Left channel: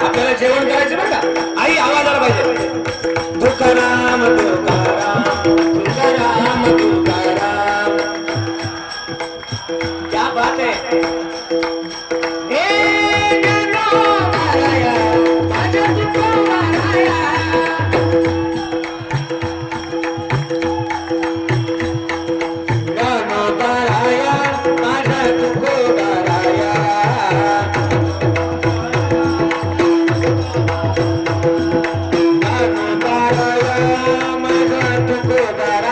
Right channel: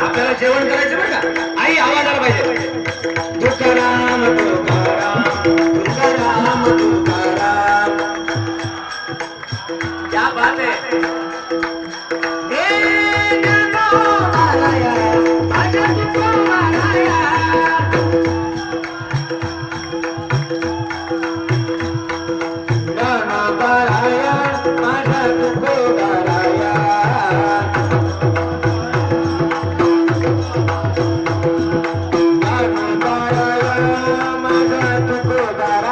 आपल्याला जेवण करायचं बरं का आई आवाज आला पाहिजे तुकाराम तुकाराम तुकाराम तुकाराम क्या बात है माझ्या तुकोबाराया माझ्या तुकोबाराया